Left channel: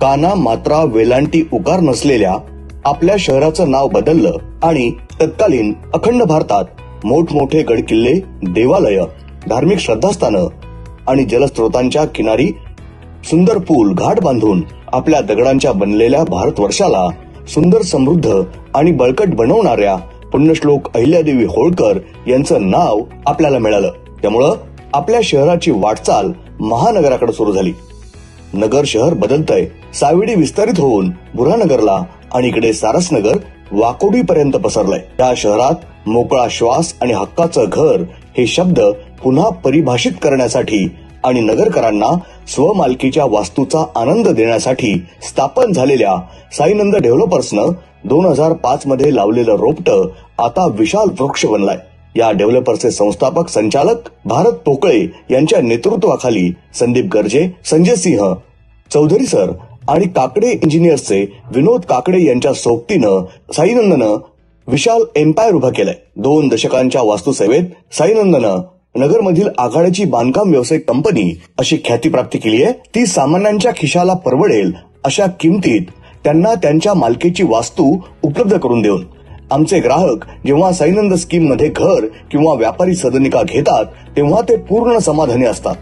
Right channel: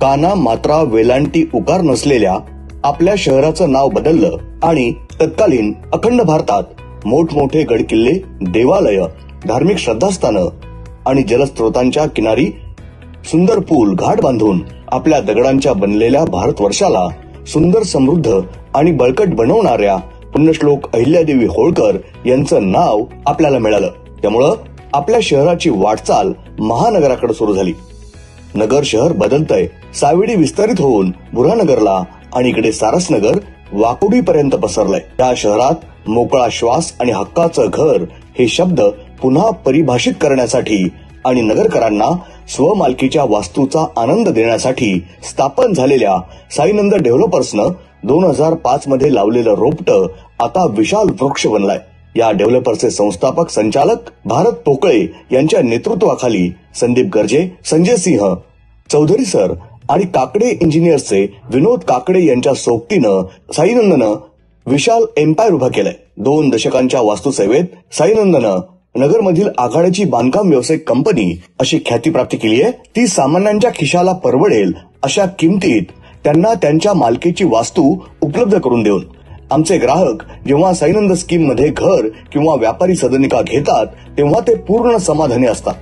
काना मात्रा वेलांटी उकार नसलेल्या आपल्या शहराचं नाव बदललं आणि तत्कालीन अखंड भारतात मोठमोठे गडकिल्ले, देवालय, धार्मिक श्रद्धास्थानं आणि जलस्रोतांच्या किनारी सुंदर पूल घाट बांधून आपल्या दगडांच्या बनलेल्या भारतवर्षाला सुंदर, समृद्ध आणि बळकट बनवणाऱ्या पुण्यश्लोक अहिल्यादेवी होळकर यांचं नाव आपल्याला मिळालं. त्यामुळं आपल्या शहराची वाटचाल महानगराकडे सुरू झाली. नगर शहर बदलतंय, सावेडी विस्तारित होऊन बुरानगरला आणि इकडे सारसनगर वाकोडीपर्यंत पसरलंय. या शहरात मोकळा श्वास आणि हक्काचं घर हे शब्द पुन्हा परिभाषित करण्यासाठी आणि नगरकरांना स्वमालकीच्या वास्तूचा आनंद देण्यासाठी स्थापन झालेल्या साईनंद डेव्हलपर्सनं 2005 मध्ये लावलेलं रोपटं आता विशाल वृक्ष बनलाय. या डेव्हलपर्सचे संस्थापक संचालक भारत पोकळे यांच्या नेतृत्वाखाली संदीप गर्जे, संजय सिंह चौधरी सर आणि काकडे इंजिनियर्सचे विनोद काकडे यांच्या सोबतीनं साईनंदनं विशाल एम्पायर उभं केलंय. 2 दशकांच्या वास्तुसेवेत साईनंदनं नगरमधील आघाडीची बांधकाम व्यावसायिक कंपनी अशी ख्याती प्राप्त केली आहे. ती सामान्यांच्या खिशाला परवडेल अशा किमतीत त्यांना त्यांच्या मालकीची वास्तू उपलब्ध करून देऊन आमचे ग्राहक जेव्हा साईनंद स्कीम मध्ये घर किंवा व्यापारी सदनिका घेतात तेव्हा ते पूर्ण समाधानी असतात.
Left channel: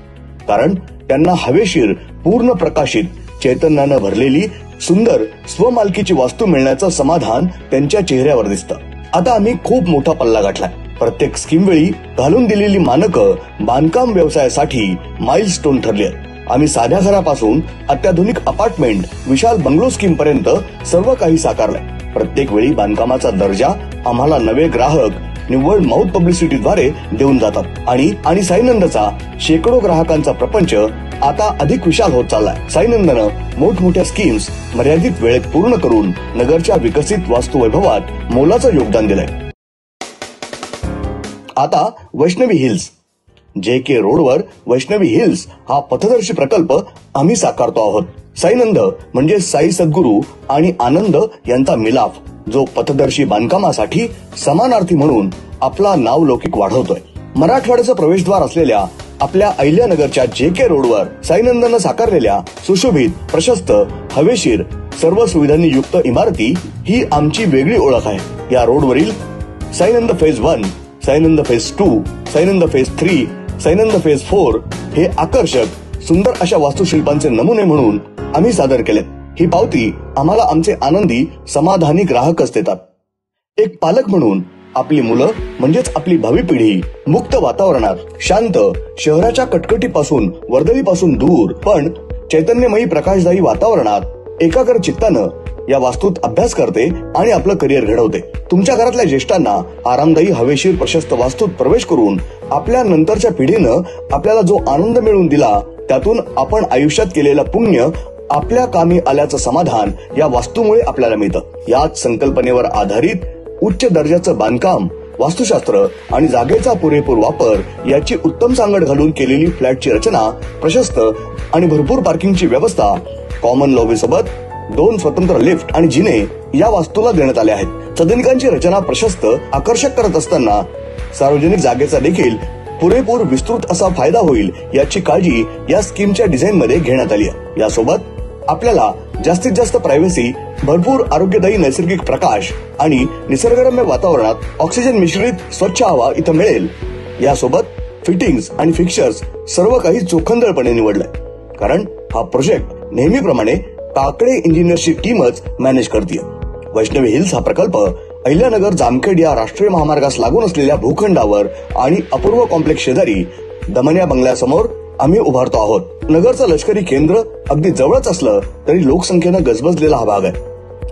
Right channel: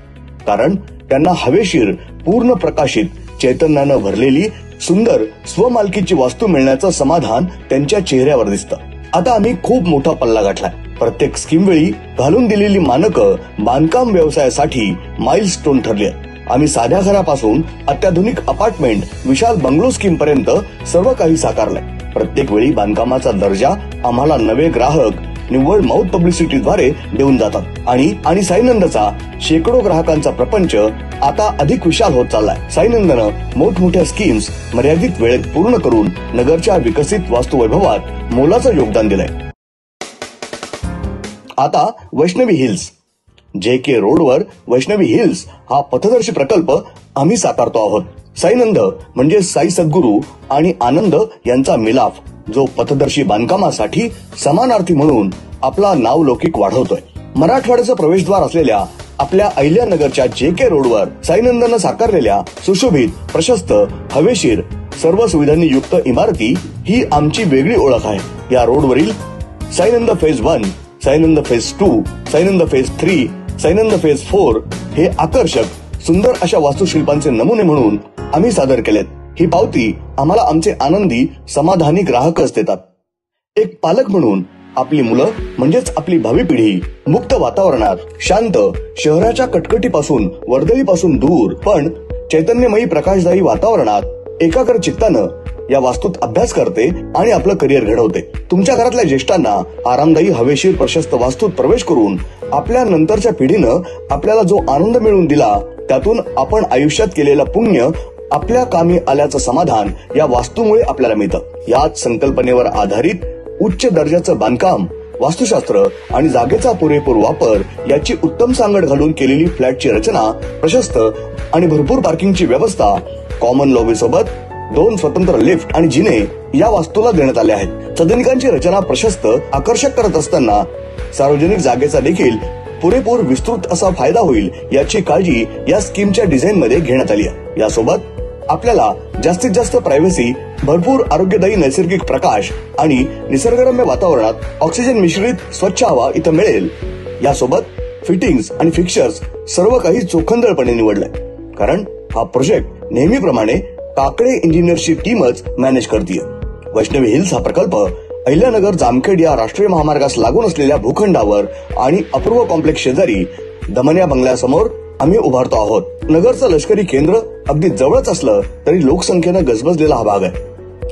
कारण त्यांना हवेशीर, पूर्ण प्रकाशित, चैतन्यानं भरलेली सुंदर स्वमालकीची वास्तू मिळण्याचं समाधान त्यांच्या चेहऱ्यावर दिसतं. आता आम्ही खूप मोठा पल्ला गाठलाय. प्रत्येक स्कीम वेळी घालून दिलेली मानकं बांधकाम व्यवसायासाठी माइलस्टोन ठरली आहेत. आम्ही साध्या घरापासून अत्याधुनिक अपार्टमेंट, विशाल बंगलो स्कीम पर्यंत सर्व काही साकारलंय. प्रत्येक वेळी बांधकामाचा दर्जा आम्हाला नवे ग्राहक निव्वळ माउथ पब्लिसिटीद्वारे देऊन जातात आणि साईनंदचा शेकडो ग्राहकांचा प्रपंच आता अधिक विशाल होत चाललाय. साईनंदनं मोठमोठ्या स्कीम्स मर्यादित वेळेत पूर्ण करून नगरच्या विकसित वास्तुवैभवात मोलाचं योगदान दिलंय. आता वैष्णवी हिल्स, JK रोडवर वैष्णवी हिल्स हा पथदर्शी प्रकल्प आम्ही साकारतो आहोत. साईनंद म्हणजे साई सद्गुरू आणि आनंद यांचा मिलाफ, जो पथदर्शी बांधकामासाठी समानार्थी म्हणून आपला नावलौकिक वाढवतोय. मराठवाड्याचं प्रवेशद्वार असलेल्या आपल्या अहिल्यानगरच्या JK रोडवर साईनंदनं साकारलेल्या सुशोभित, प्रशस्त, हवेशीर, सर्व सुविधांनी युक्त इमारती ही आमची वेगळी ओळख आहे. या रोडवरील साईनंद फेज 1, साईनंद फेज 2, साईनंद फेज 3, साईनंद फेज 4 हे आकर्षक, सुंदर अशा वास्तुशिल्पांचे नमुने म्हणून आम्ही सादर केलेत. ही पावती आम्हाला आमचे आनंदी, समाधानी ग्राहकच देतात. एक पालक म्हणून आपली मुलं म्हणजेच आपली भावी पिढी मुक्त वातावरणात, शांत, शहराच्या कटकटीपासून, वर्दळीपासून दूर पण चैतन्यमयी प्रकाशदायी वातावरणात एकाग्र चित्तानं या वास्तूत अभ्यास करते आणि आपलं करिअर घडवते. तुमच्या घरातल्या ज्येष्ठांना आरामदायी, हवेशीर, प्रशस्त वास्तूत प्रवेश करून आपल्या नंतरच्या पिढीनं आपल्याला जो आनंद मिळवून दिला त्यातून आपण आयुष्यात केलेलं पुण्य आपल्या कामी आल्याचं समाधान या वास्तूमुळे आपल्याला मिळतं. याच संकल्पनेवर आधारित उच्च दर्जाचं बांधकाम, वास्तुशास्त्र आणि जागेचा पुरेपूर वापर याची उत्तम सांगड घालून केलेली फ्लॅटची रचना, प्रशस्त आणि भरपूर पार्किंगची व्यवस्था, कॉमन लॉबी सोबत 2 स्वतंत्र लिफ्ट आणि जिने या वास्तूला देण्यात आले आहेत. सदनिकांची रचना प्रशस्त, आकर्षक करत असताना सार्वजनिक जागेचा देखील पुरेपूर विस्तृत असा फायदा होईल याची काळजी या स्कीमच्या डिझाईन मध्ये घेण्यात आली आहे. यासोबत आपल्याला जास्तीत जास्त प्रायव्हसी, भरपूर आरोग्यदायी नैसर्गिक प्रकाश आणि निसर्गरम्य वातावरणात ऑक्सिजन मिश्रित स्वच्छ हवा इथं मिळेल. यासोबत फिटिंग्स आणि फिक्चर्स सर्व काही चोखंदळपणे निवडलंय. कारण हा प्रोजेक्ट नेहमीप्रमाणे काकडे इंजिनियर्सची टीमच मॅनेज करते. वैष्णवी हिल्स हा प्रकल्प अहिल्यानगर जामखेड या राष्ट्रीय महामार्गास लागून असलेल्या भूखंडावर आणि अपूर्व कॉम्प्लेक्स शेजारी दमन्या बंगल्यासमोर आम्ही उभारतो आहोत. नगरचं लष्करी केंद्र अगदी जवळच असलं तरी लोकसंख्येनं गजबजलेला हा भाग आहे.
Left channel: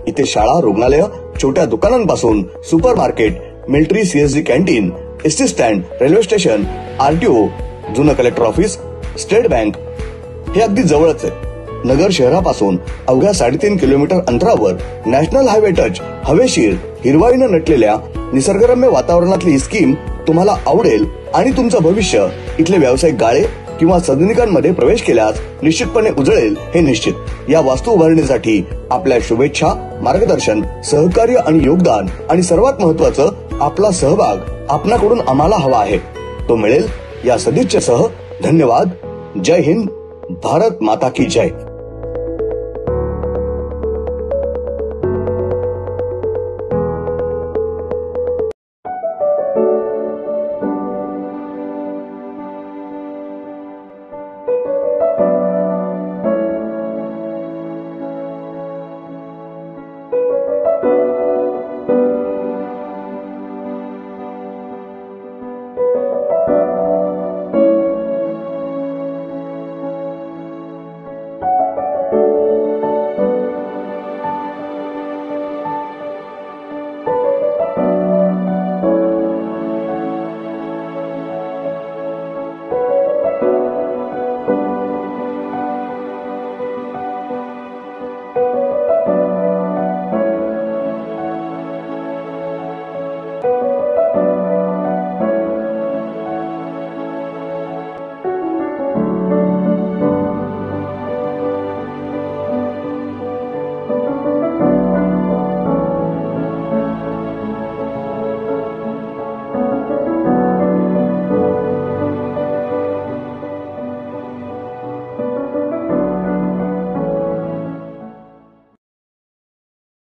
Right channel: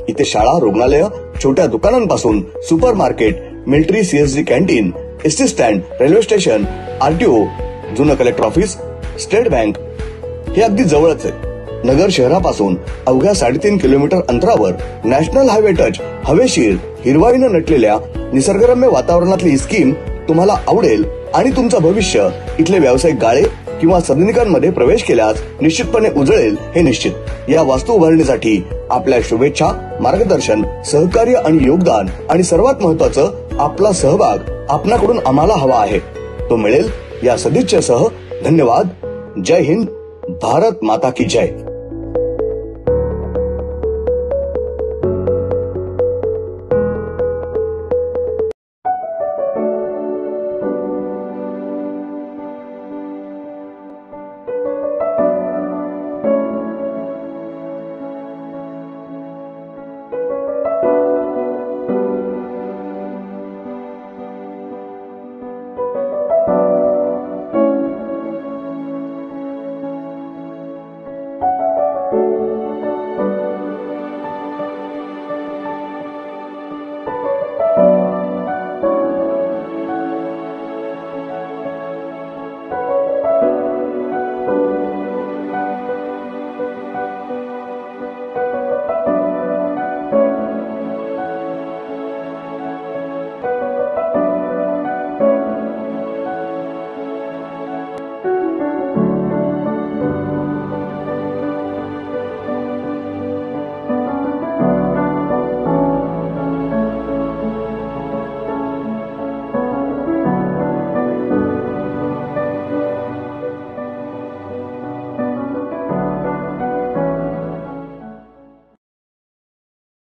इथे शाळा, रुग्णालय, छोट्या दुकानांपासून super market, military CSG canteen, ST stand, railway station, RTO, जुनं कलेक्टर ऑफिस, स्टेट बँक हे अगदी जवळच आहे. नगर शहरापासून अवघ्या 3.5 किलोमीटर अंतरावर नॅशनल हायवे टच, हवेशीर, हिरवाईनं नटलेल्या निसर्गरम्य वातावरणातली ही स्कीम तुम्हाला आवडेल आणि तुमचं भविष्य इथले व्यावसायिक गाळे किंवा सदनिकांमध्ये प्रवेश केल्यास निश्चितपणे उजळेल हे निश्चित. या वास्तू उभारणीसाठी आपल्या शुभेच्छा, मार्गदर्शन, सहकार्य आणि योगदान आणि सर्वात महत्वाचं आपला सहभाग आपणाकडून आम्हाला हवा आहे. तो मिळेल या सदिच्छेसह. धन्यवाद. जय हिंद. भारत माता की जय.